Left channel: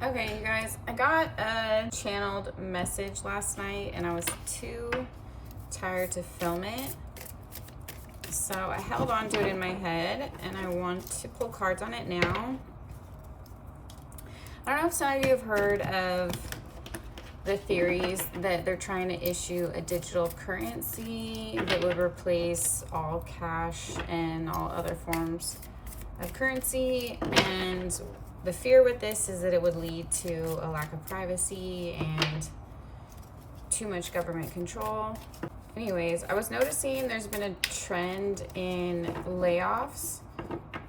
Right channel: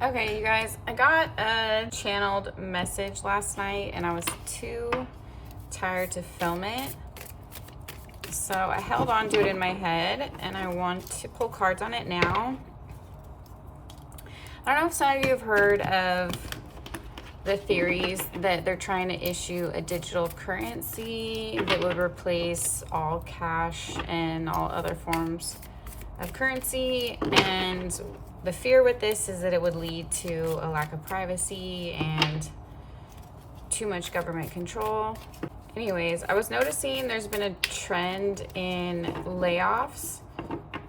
Okay, you guys, I got a channeled message last night and I was too tired to film it. So I held on to it in my head and I want to pull cards on it now. I don't know if some of you have heard of the theories that they're trying to issue a digital currency that would replace all cash and all other forms of currency. And the fear with this is that it would lead to a lack of privacy and too much government control. Anyways, I was noticing there's been a trend in layoffs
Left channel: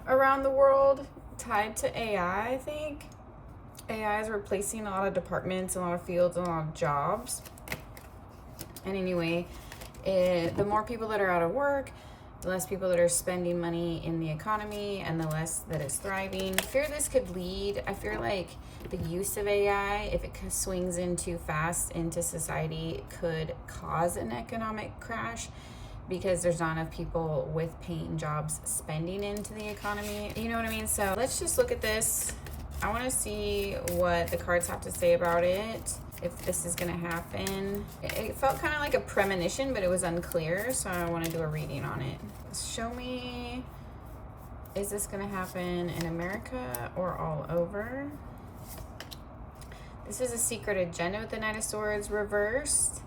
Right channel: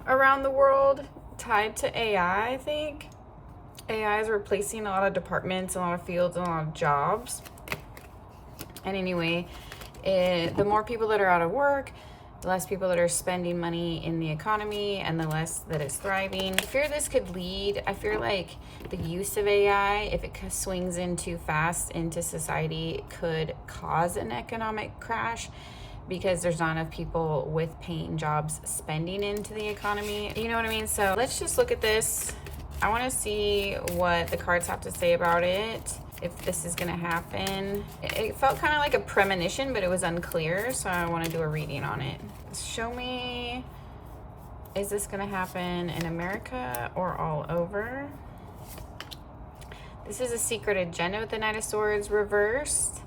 around the world tied to AI, I think. AI is replacing a lot of departments, a lot of fields, and a lot of jobs. And anyway, the more people that are out of work, the less people that are spending money in the economy, and the less that it's thriving. I fear this could lead, I fear like the use of AI, if it swings in too fast into society, could cause an economic crash because there's not enough people with paying jobs spending into the economy. You know what I mean? So let's just look at this. I want to see what the cards have to say about it, if this is going to happen. It felt kind of like a premonition, but it was unclear, so I want to do a reading on it. Show me, is this going to happen in America or all over? This is a secret agenda with the Knight of Swords reversed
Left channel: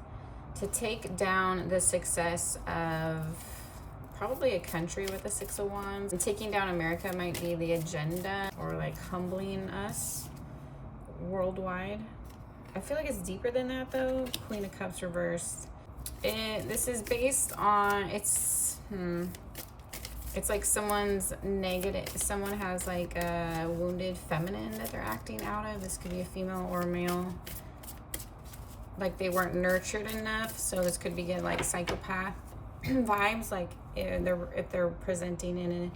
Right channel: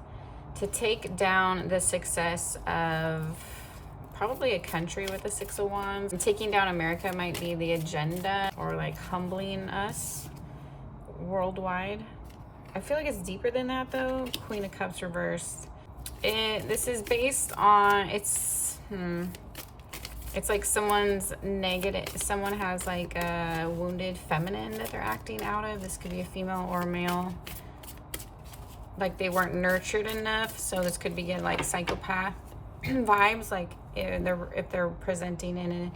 to take down the success of probably a country with the Six of Wands. And taking down America might be the agenda, or like humbling us worldwide. I feel like it's deeper than that though. Queen of Cups reversed. This is based on, it's like someone's negative, someone has like a wounded feminine that they're acting out of. This could be a female or a male. Like they weren't nurtured enough, so this could be like psychopath vibes, like if they're presenting in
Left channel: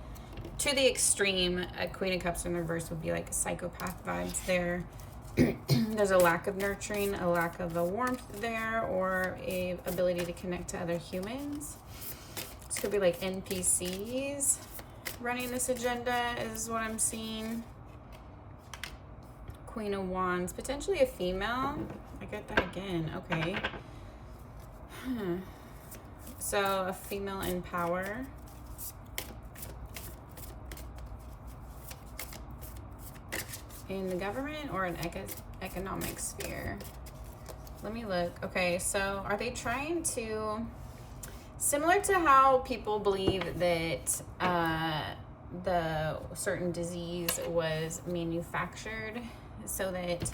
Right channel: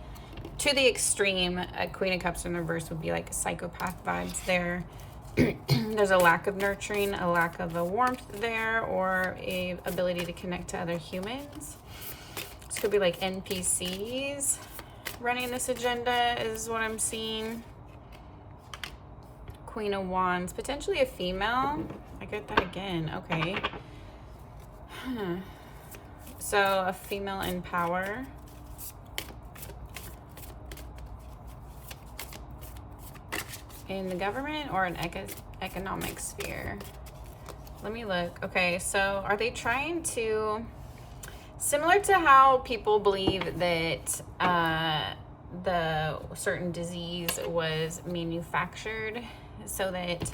to the extreme. A Queen of Cups in reverse would be like psychopath vibes there. There's a lack of nurturing, a lack of a warmth there, or a ability to connect to other humans. This could be like NPCs running this agenda is what I'm seeing. Queen of Wands, potentially a female. I get that again. Okay. So a female in power. In the government or an economic sphere? Let me look. Okay, so are they trying to, similar to how people believe that the certain disease was manufactured so that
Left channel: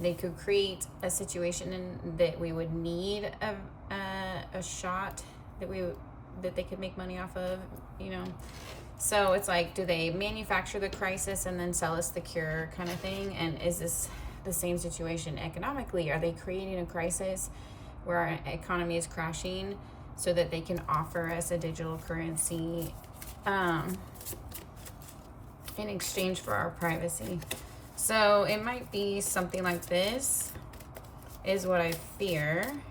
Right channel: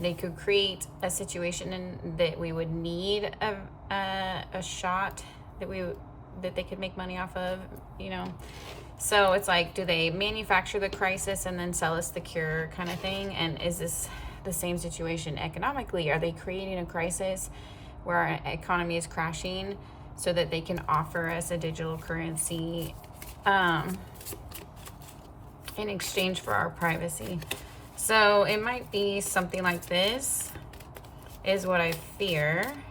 they could create a situation that we would need a shot that they could make money off of, you know? So it's like, do they manufacture the crisis and then sell us the cure kind of thing? And is this the same situation economically? Are they creating a crisis where our economy is crashing so that they can offer us a digital currency in exchange for our privacy? So it might be something like this is what I fear.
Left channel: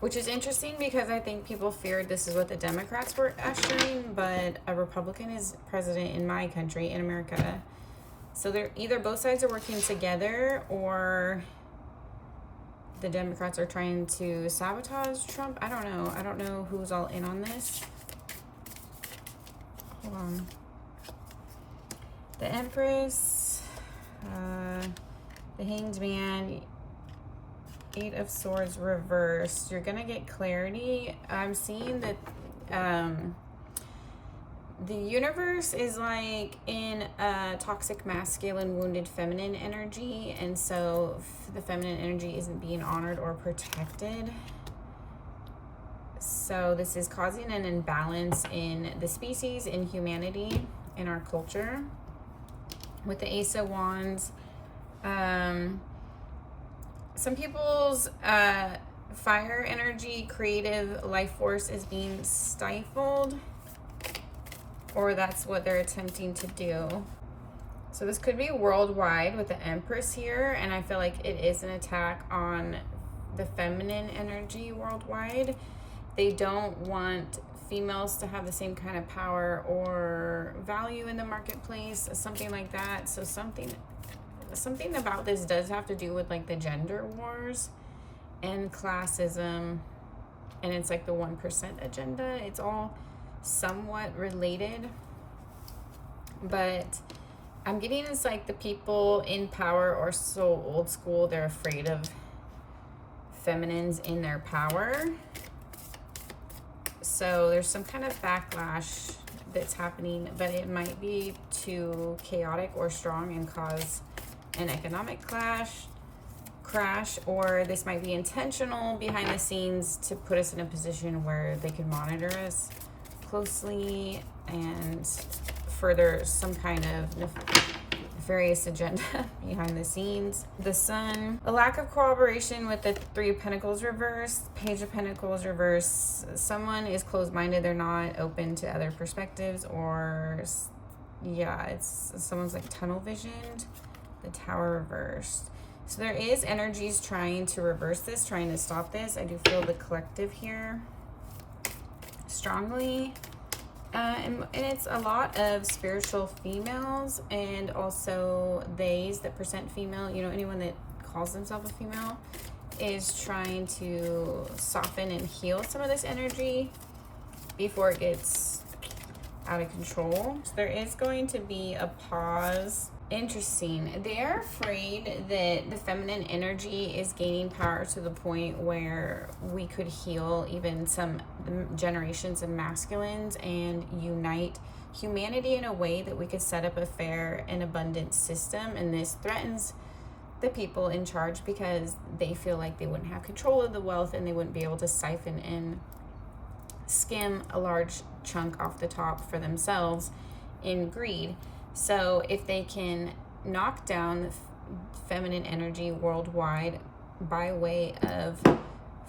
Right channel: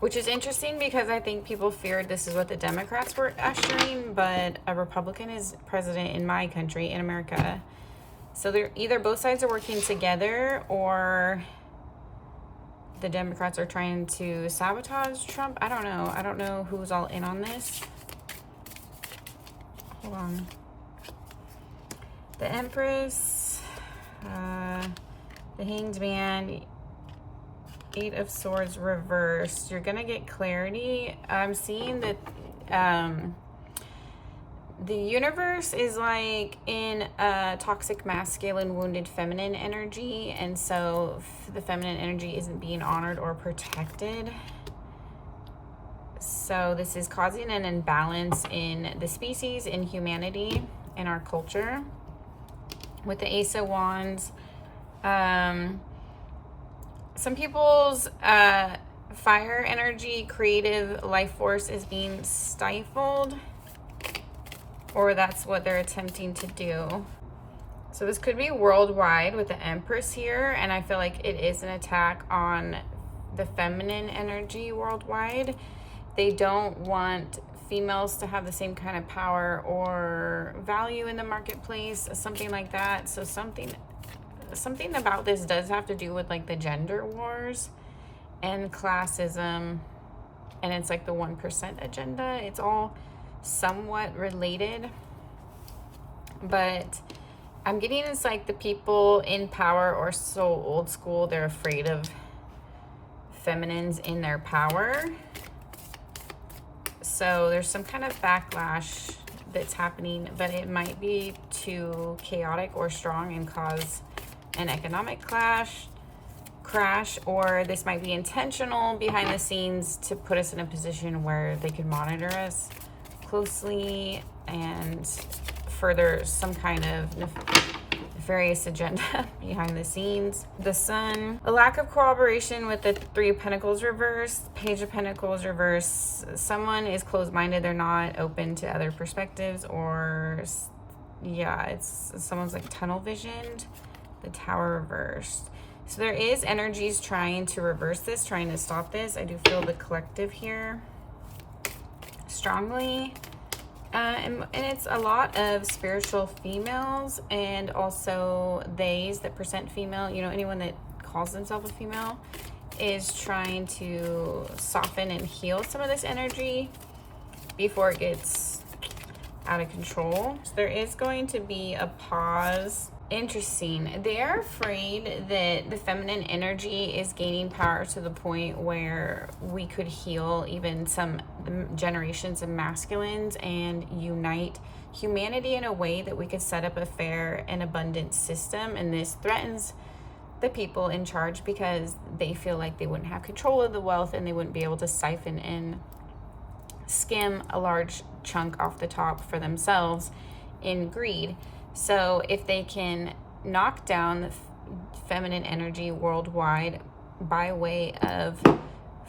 Which is interesting because I think people feared this is what the Democrats were ushering, but a Republican is president in my country, in America. So they're either both sides are working together, or the Democrats are trying to sabotage Trump. I don't know. I don't know who's all in on this. Hold on. The Empress, the Hanged Man, Eight of Swords reversed. You're gonna get clarity. I'm seeing that the universe is like in a toxic masculine wounded feminine energy, and so the feminine energy isn't being honored or protected. So this is causing an imbalance in the species, in humanity, in our culture. With the Ace of Wands, some people's fire energy, creative life force is being stifled, or that's what they're attempting to do. So this could be worldwide with the Empress here, and I feel like it is an attack on the feminine energy worldwide. They don't want females to have the same kind of power or value in the marketplace, something like that. So something something about this does have to do with like the gender wars and classism, and it's like the 1% agenda. It's all somewhat related, but I'm getting it's like the people in power are so old school, they're afraid of feminines in their power. So there's some kind of backlash that's happening, but it might be too chaotic or strong and cause an economic crash, or this might be intentional behind the scenes to put us in a position where they could monitor us closely and further some kind of nefarious agenda behind the scenes. The Sun, a lack of cooperation with the Three of Pentacles reversed, Page of Pentacles reversed. Someone is closed-minded, they're not open to other perspectives, or yeah, it's someone's like tunnel visioned. The Tower reversed. So there is energies trying to reverse this, trying to stop this. I do feel the collective here strongly. And it's a lot of spiritual females, and also theys that present female, you know, anyone that calls themselves a female is trying to soften and heal some of this energy before it gets out of control. So there is going to be a pause. Interesting. They're afraid that the feminine energy is gaining power to the point where we could heal even some generations of masculines and unite humanity in a way that we could set up a fair and abundant system. And this threatens the people in charge because they feel like they wouldn't have control of the wealth and they wouldn't be able to siphon and skim a large chunk off the top for themselves in greed. So if they can knock down the feminine energy worldwide by way of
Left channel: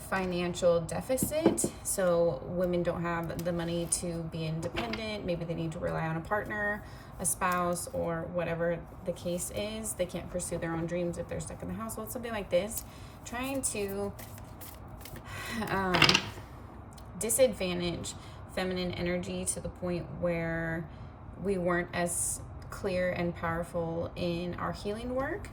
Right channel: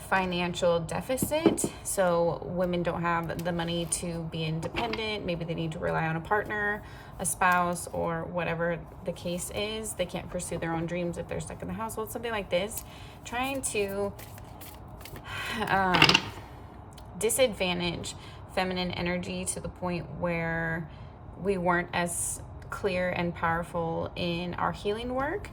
financial deficit, so women don't have the money to be independent, maybe they need to rely on a partner, a spouse, or whatever the case is, they can't pursue their own dreams if they're stuck in the household, something like this, trying to disadvantage feminine energy to the point where we weren't as clear and powerful in our healing work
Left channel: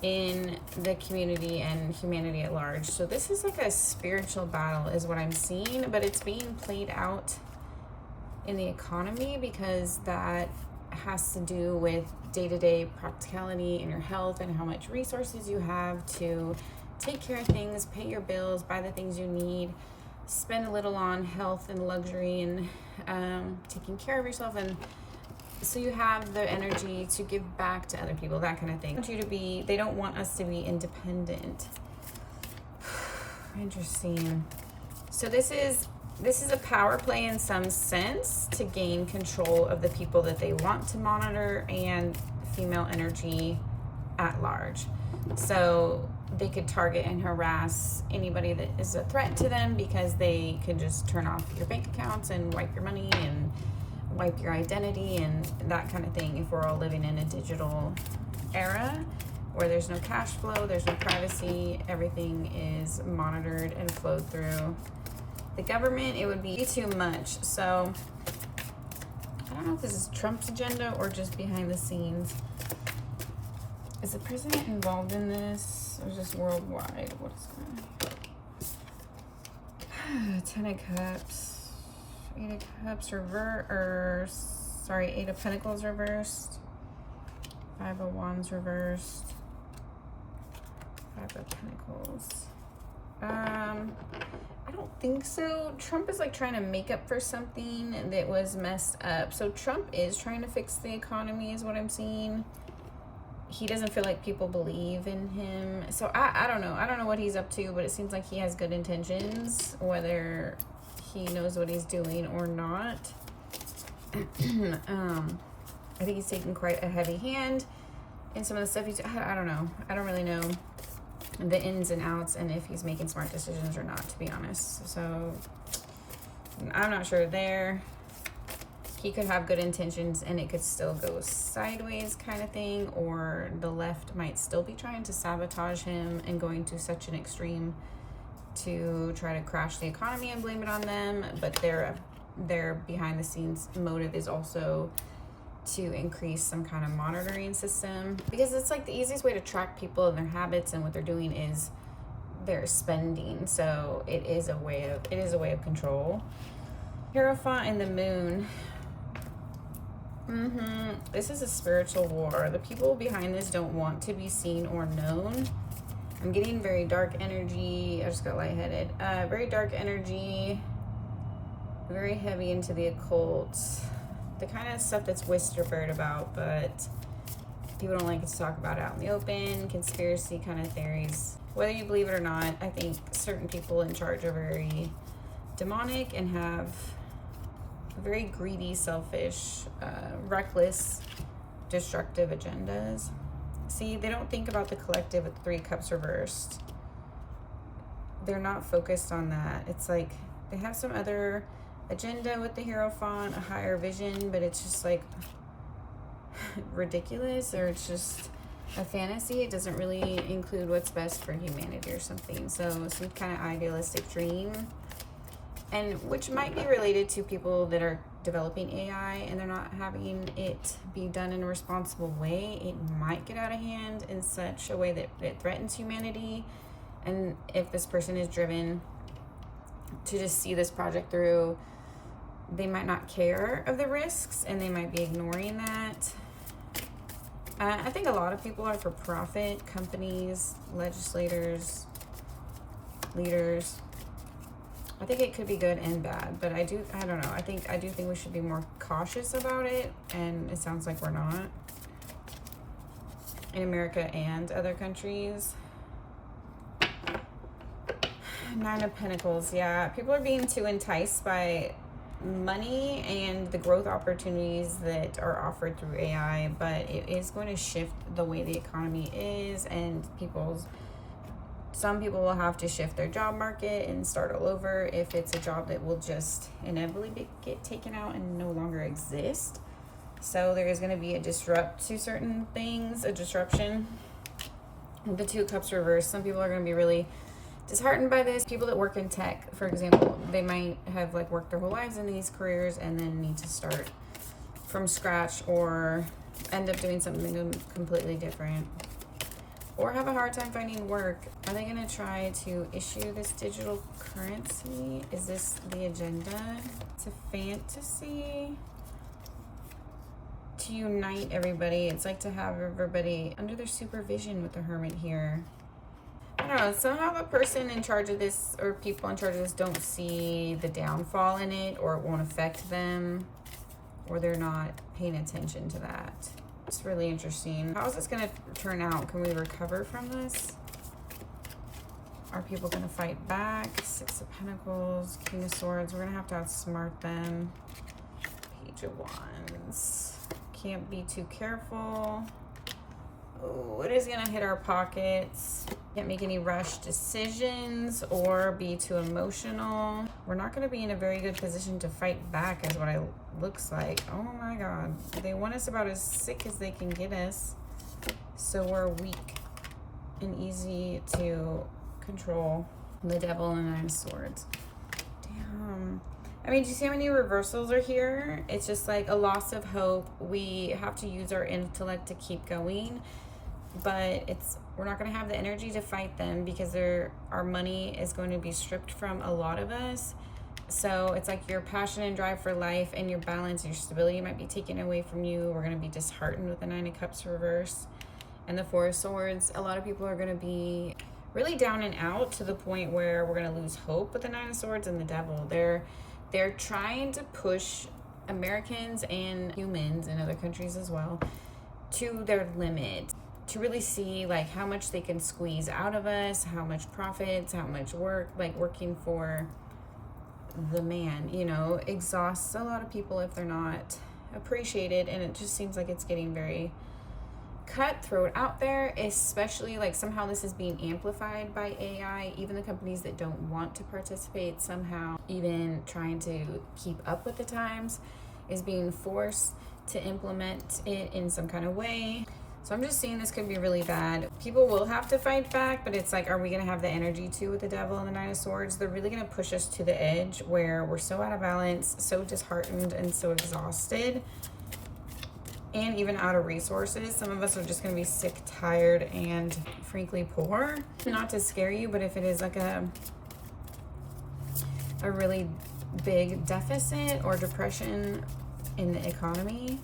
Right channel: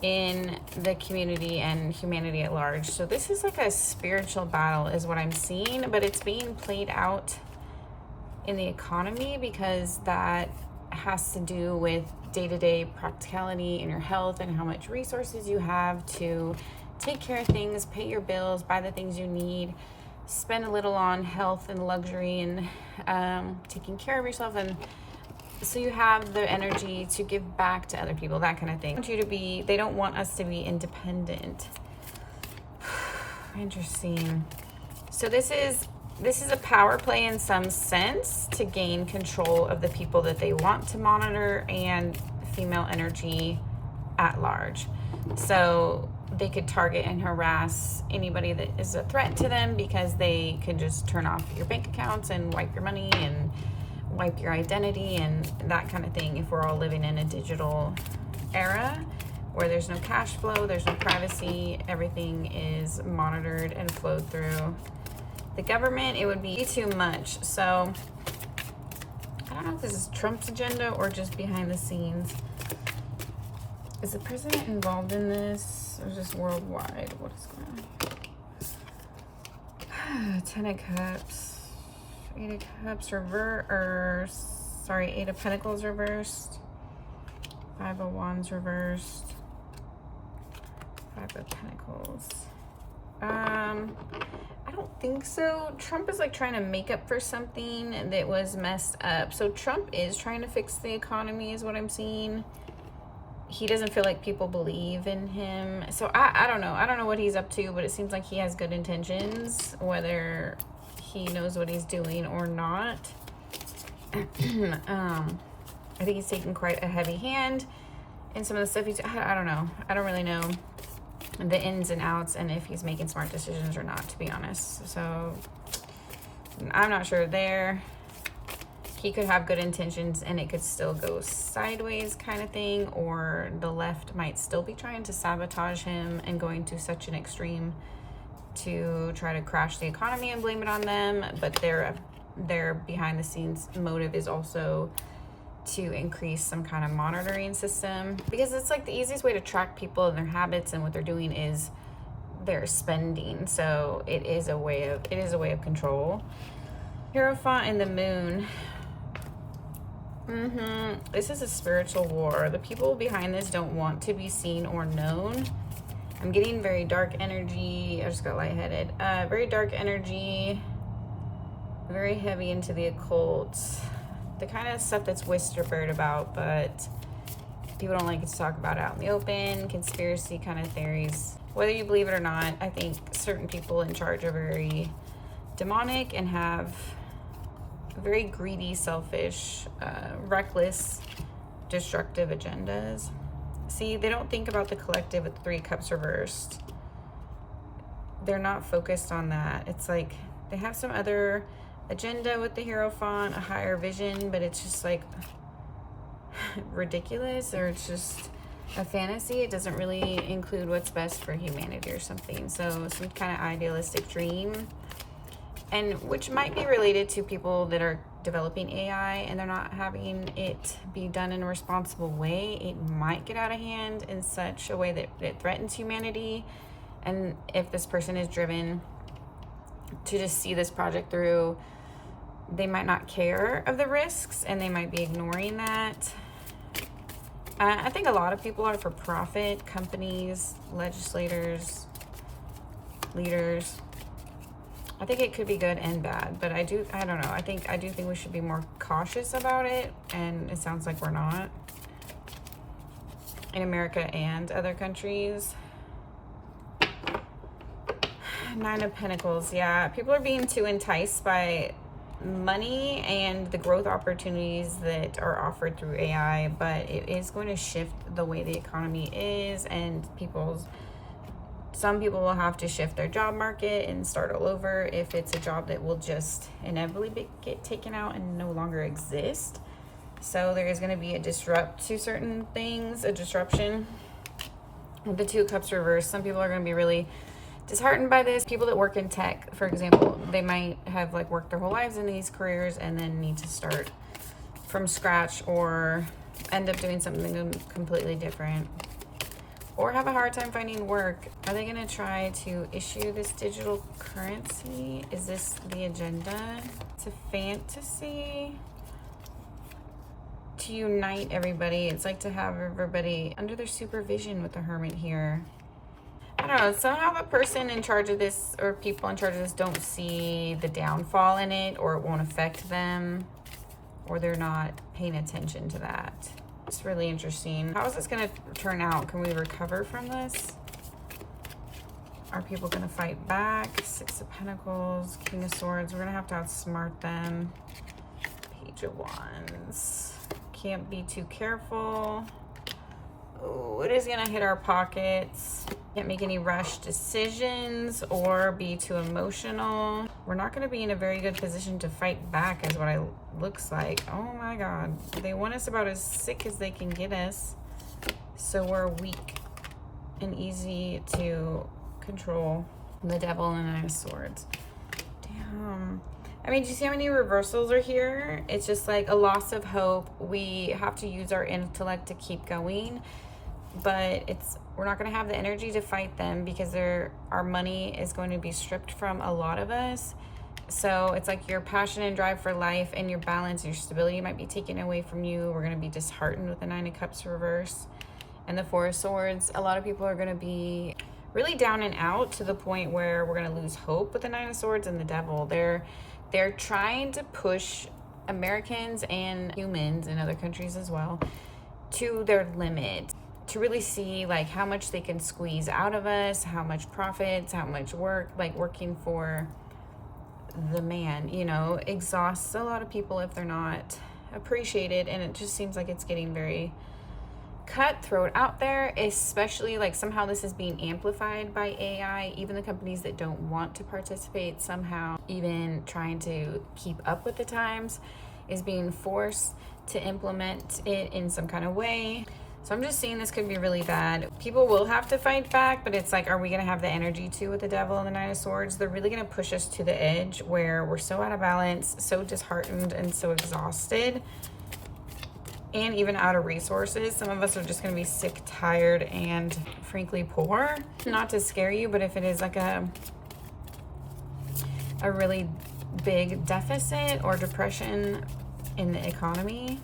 in the community and humanity at large. So this is like a spiritual battle is what I'm seeing, but it's being played out in the economy because that has to do with day-to-day practicality in your health and how much resources you have to take care of things, pay your bills, buy the things you need, spend a little on health and luxury and taking care of yourself, and so you have the energy to give back to other people, that kind of thing. They don't want us to be independent. Interesting. So this is a power play in some sense to gain control of the people that they want to monitor and female energy at large. So they could target and harass anybody that is a threat to them because they could just turn off your bank accounts and wipe your money and wipe your identity and that kind of thing. If we're all living in a digital era where there's no cash flow, there's no privacy, everything is monitored and flowed through the government, it would be too much. So I don't know if this is Trump's agenda or just behind the scenes. Is the president involved in this or just worldwide? What is going on? 10 of Cups. 8 of Cups reversed, sorry, 8 of Pentacles reversed, 5 of Wands reversed, 5 of Pentacles. I don't think so. Trump is like trying to make up for something that was messed up. So Trump is trying to fix the economy is what I'm seeing. He doesn't feel like people believe in him. So I don't know. I don't know what he's up to, but it seems like he has good intentions, whether he knows what he's doing or not. I think he's taking quite a heavy hand in some of the stuff he's, I don't know. I don't really know the ins and outs and if he's making smart decisions or not, to be honest. So I'm not sure there. He could have good intentions and it could still go sideways kind of thing, or the left might still be trying to sabotage him and going to such an extreme to try to crash the economy and blame it on them, but their behind the scenes motive is also to increase some kind of monitoring system, because it's like the easiest way to track people and their habits, and what they're doing is they're spending. So it is a way of control. Hierophant and the moon. This is a spiritual war. The people behind this don't want to be seen or known. I'm getting very dark energy. I just got lightheaded. Very dark energy. Very heavy into the occult. The kind of stuff that's whispered about, but people don't like to talk about out in the open. Conspiracy kind of theories. Whether you believe it or not, I think certain people in charge are very demonic and have very greedy, selfish, reckless, destructive agendas. See, they don't think about the collective with the 3 cups reversed. They're not focused on that. It's like they have some other agenda with the Hierophant, a higher vision, but it's just like ridiculous, or it's just a fantasy. It doesn't really include what's best for humanity or something. So some kind of idealistic dream, and which might be related to people that are developing AI and they're not having it be done in a responsible way. It might get out of hand in such a way that it threatens humanity. And if this person is driven to just see this project through, they might not care of the risks and they might be ignoring that. I think a lot of people are for profit, companies, legislators, leaders. I think it could be good and bad, but I don't know. I do think we should be more cautious about it, and it sounds like we're not in America and other countries. 9 of Pentacles, yeah. People are being too enticed by money and the growth opportunities that are offered through AI, but it is going to shift the way the economy is, and some people will have to shift their job market and start all over if it's a job that will just inevitably get taken out and no longer exist. So there is going to be a disruption to certain things, a disruption. With the 2 cups reversed, some people are going to be really disheartened by this. People that work in tech, for example, they might have like worked their whole lives in these careers and then need to start from scratch, or end up doing something completely different, or have a hard time finding work. Are they going to try to issue this digital currency? Is this the agenda? It's a fantasy to unite everybody. It's like to have everybody under their supervision with the Hermit here. I don't know, somehow the person in charge of this, or people in charge of this, don't see the downfall in it, or it won't affect them, or they're not paying attention to that. It's really interesting. How is this going to turn out? Can we recover from this? Are people going to fight back? 6 of Pentacles, King of Swords. We're going to have to outsmart them. Page of Wands. Can't be too careful. Oh, it is going to hit our pockets. Can't make any rush decisions or be too emotional. We're not going to be in a very good position to fight back, is what it looks like. Oh my God. They want us about as sick as they can get us. So we're weak and easy to control. The Devil and 9 of Swords. Damn. I mean, do you see how many reversals are here? It's just like a loss of hope. We have to use our intellect to keep going, but we're not going to have the energy to fight them, because our money is going to be stripped from a lot of us. So it's like your passion and drive for life and your balance, your stability might be taken away from you. We're going to be disheartened with the 9 of Cups reverse and the 4 of Swords. A lot of people are going to be really down and out, to the point where we're going to lose hope with the 9 of Swords and the Devil. They're trying to push Americans and humans in other countries as well to their limit, to really see like how much they can squeeze out of us, how much profits, how much work, like working for the man, exhausts a lot of people if they're not appreciated. And it just seems like it's getting very cutthroat out there, especially like somehow this is being amplified by AI. Even the companies that don't want to participate, somehow even trying to keep up with the times, is being forced to implement it in some kind of way. So I'm just seeing this could be really bad. People will have to fight back, but it's like, are we going to have the energy to with the Devil and the 9 of Swords? They're really going to push us to the edge where we're so out of balance, so disheartened, and so exhausted and even out of resources. Some of us are just going to be sick, tired, and frankly poor. Not to scare you, but if it is like a really big deficit or depression in the economy,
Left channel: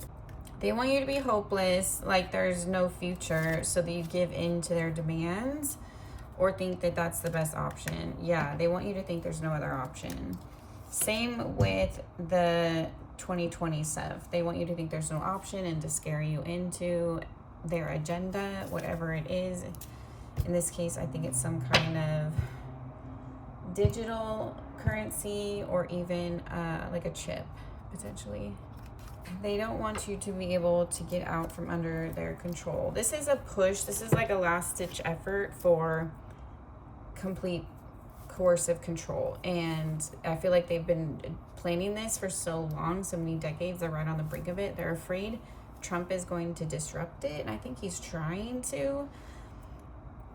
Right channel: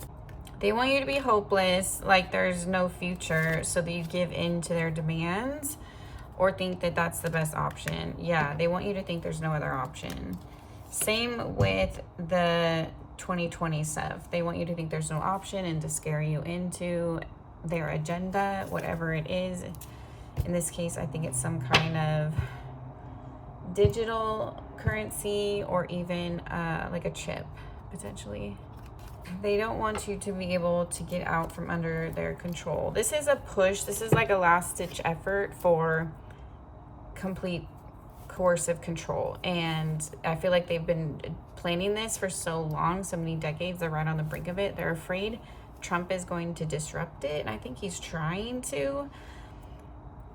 they want you to be hopeless, like there's no future, so that you give in to their demands or think that that's the best option. Yeah, they want you to think there's no other option. Same with the 2020 stuff. They want you to think there's no option and to scare you into their agenda, whatever it is. In this case, I think it's some kind of digital currency or even like a chip, potentially. They don't want you to be able to get out from under their control. This is a push. This is like a last-ditch effort for complete coercive control. And I feel like they've been planning this for so long, so many decades. They're right on the brink of it. They're afraid Trump is going to disrupt it, and I think he's trying to.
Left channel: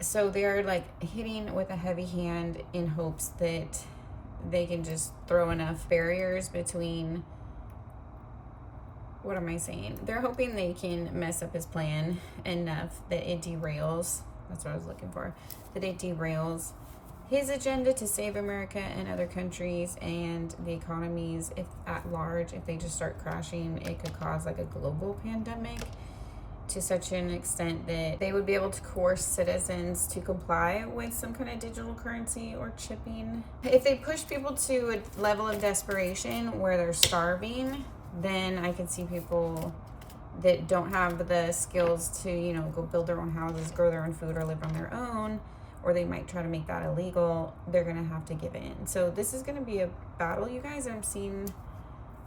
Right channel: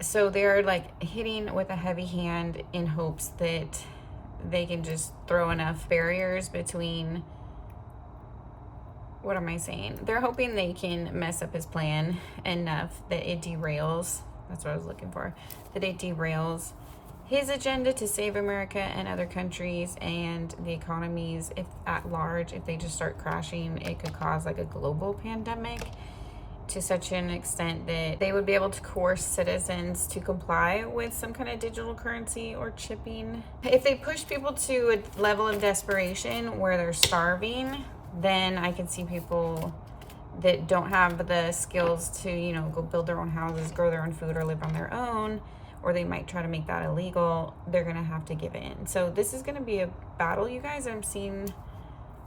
So they're like hitting with a heavy hand in hopes that they can just throw enough barriers between, what am I saying? They're hoping they can mess up his plan enough that it derails. That's what I was looking for. That it derails his agenda to save America and other countries and the economies, if at large, if they just start crashing, it could cause like a global pandemic to such an extent that they would be able to coerce citizens to comply with some kind of digital currency or chipping. If they push people to a level of desperation where they're starving, then I can see people that don't have the skills to, you know, go build their own houses, grow their own food, or live on their own, or they might try to make that illegal. They're going to have to give in. So this is going to be a battle, you guys. I'm seeing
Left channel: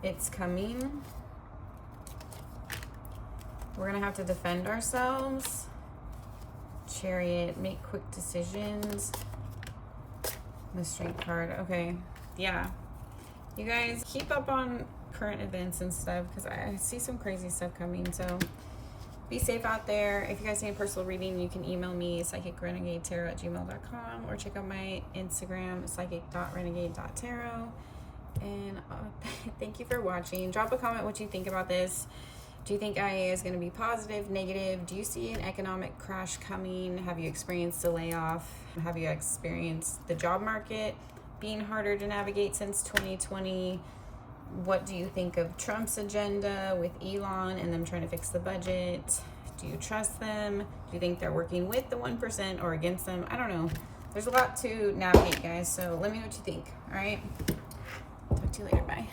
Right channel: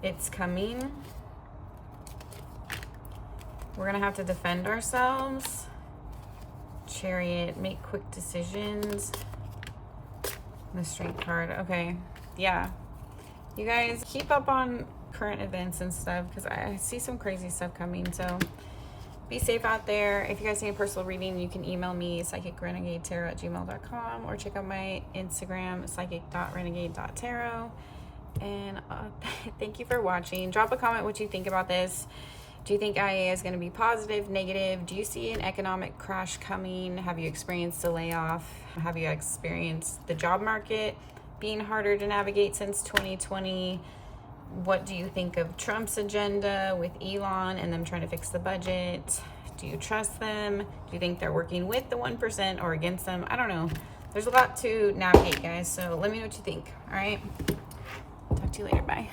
it's coming. We're going to have to defend ourselves. Chariot, make quick decisions. The Strength card. Okay. Yeah. You guys keep up on current events and stuff, because I see some crazy stuff coming. So be safe out there. If you guys need a personal reading, you can email me, psychicrenegadetarot@gmail.com, or check out my Instagram, psychic.renegade.tarot. And thank you for watching. Drop a comment what you think about this. Do you think IA is going to be positive, negative? Do you see an economic crash coming? Have you experienced a layoff? Have you experienced the job market being harder to navigate since 2020? What do you think of Trump's agenda with Elon and them trying to fix the budget? Do you trust them? Do you think they're working with the 1% or against them? I don't know. There's a lot to navigate, guys. So let me know what you think. All right. Talk to you later. Bye.